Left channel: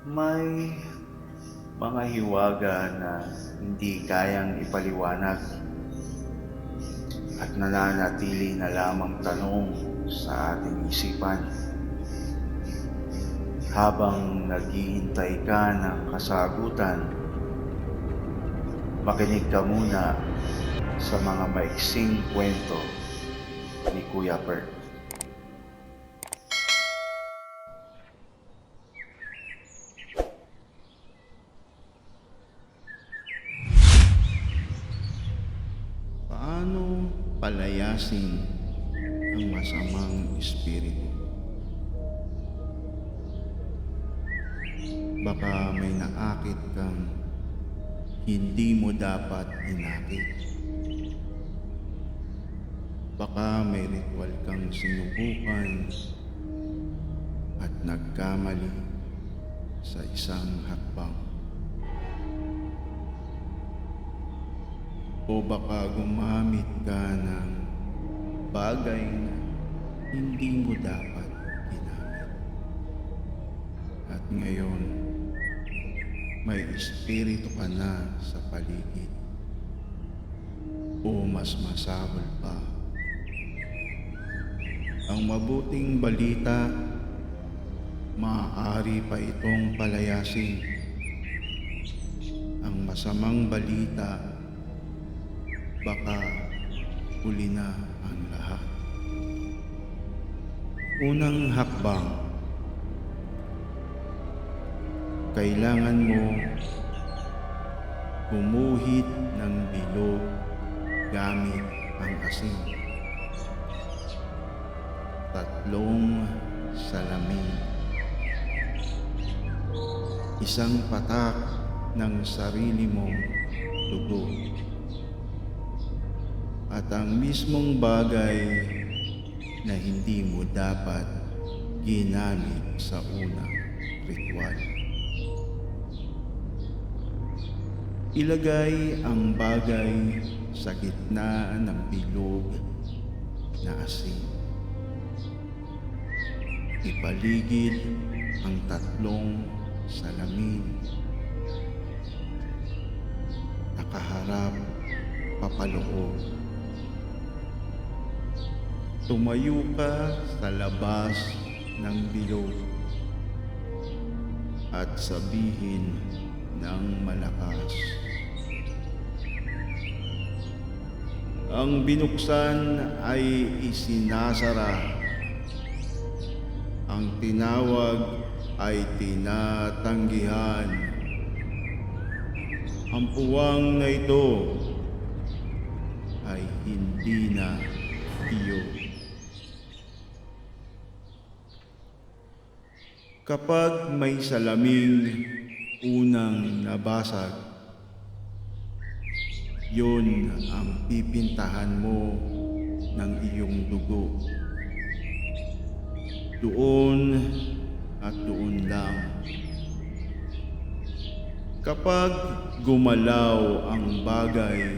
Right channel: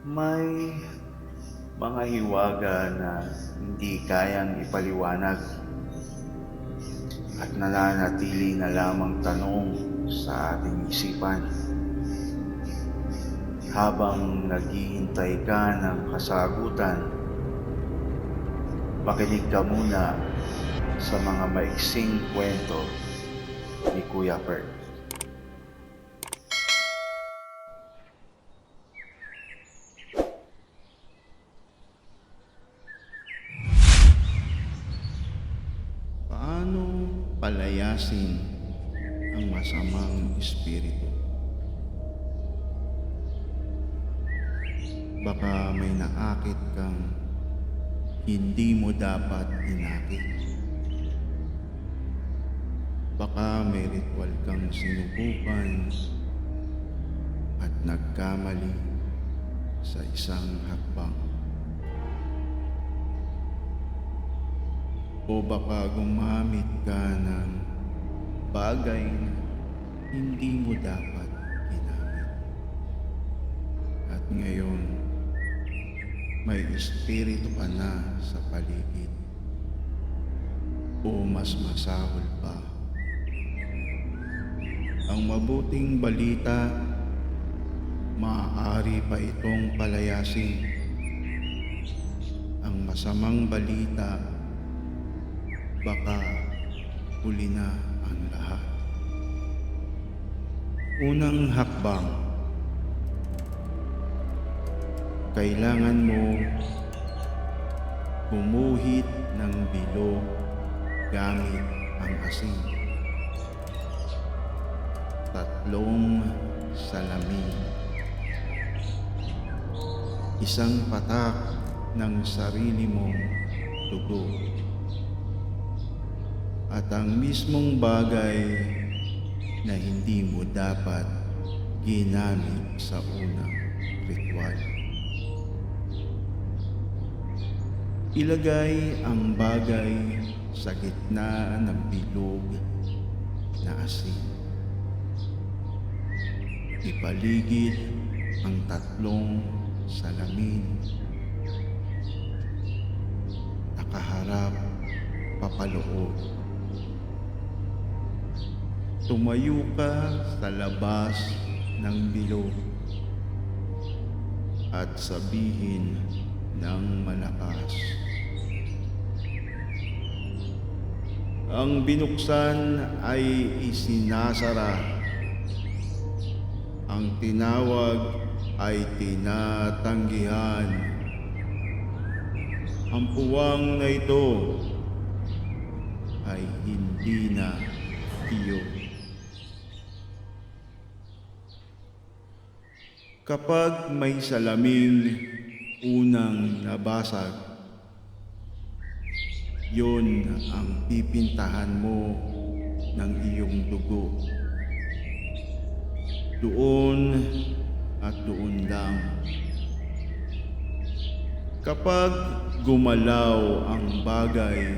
May mga hiwaga na hindi kayang ipaliwanag at nananatili na lamang tanong sa ating isipan. Habang naghihintay ka ng kasagutan, makinig ka muna sa mga maiksing kwento ni Kuya Bert. Paano palayasin ang masamang espiritu? Baka may naakit kang hindi mo dapat inakit. Baka may ritual kang sinubukan at nagkamali sa isang hakbang. O baka gumamit ka ng bagay na hindi mo dapat ginamit. At ngayon, may espiritu ka na sa paligid. O mas masahol pa, ang mabuting balita, maaari pa itong palayasin. Ang masamang balita, baka huli na ang lahat. Unang hakbang, kailangan mo gumuhit ng bilog gamit ang asin. 3 salamin. 1 patak ng sarili mong dugo. At ang mismong bagay na hindi mo dapat ginamit sa unang ritual. Ilagay ang bagay sa gitna ng bilog na asin. Ipaligid ang 3 salamin. Nakaharap papaloob. Tumayo ka sa labas ng bilog at sabihin ng malakas, ang binuksan ay isinasara, ang tinawag ay tinatanggihan. Ang puwang na ito ay hindi na iyo. Kapag may salaming unang nabasag, yun ang pipintahan mo ng iyong dugo. Doon at doon lang. Kapag gumalaw ang bagay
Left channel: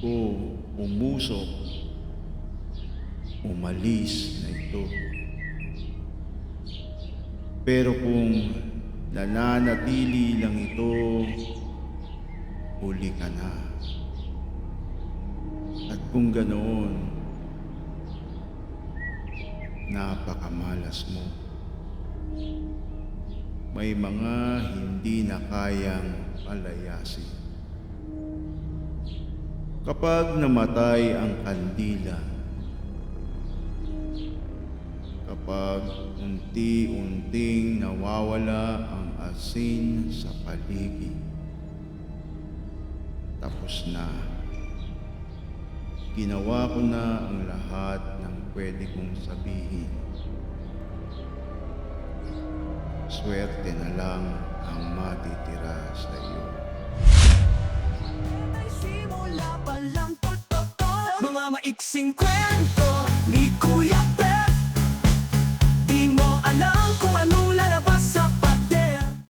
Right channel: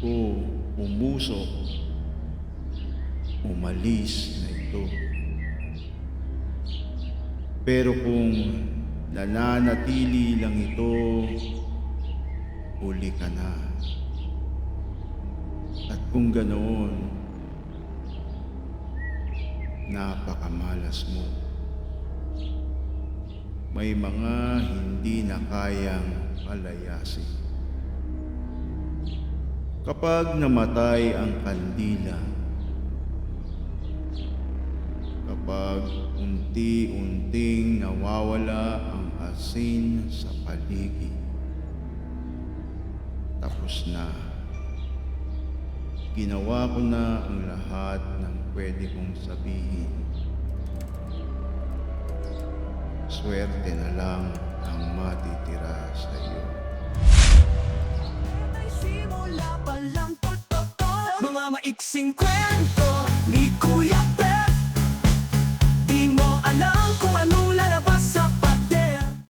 o umusok, umalis na ito. Pero kung nananatili lang ito, huli ka na. At kung ganoon, napakamalas mo. May mga hindi na kayang palayasin. Kapag namatay ang kandila, kapag unti-unting nawawala ang asin sa paligid, tapos na. Ginawa ko na ang lahat ng pwede kong sabihin. Swerte na lang ang matitira sa iyo. Simula pa lang totoo, mga maiksing kwento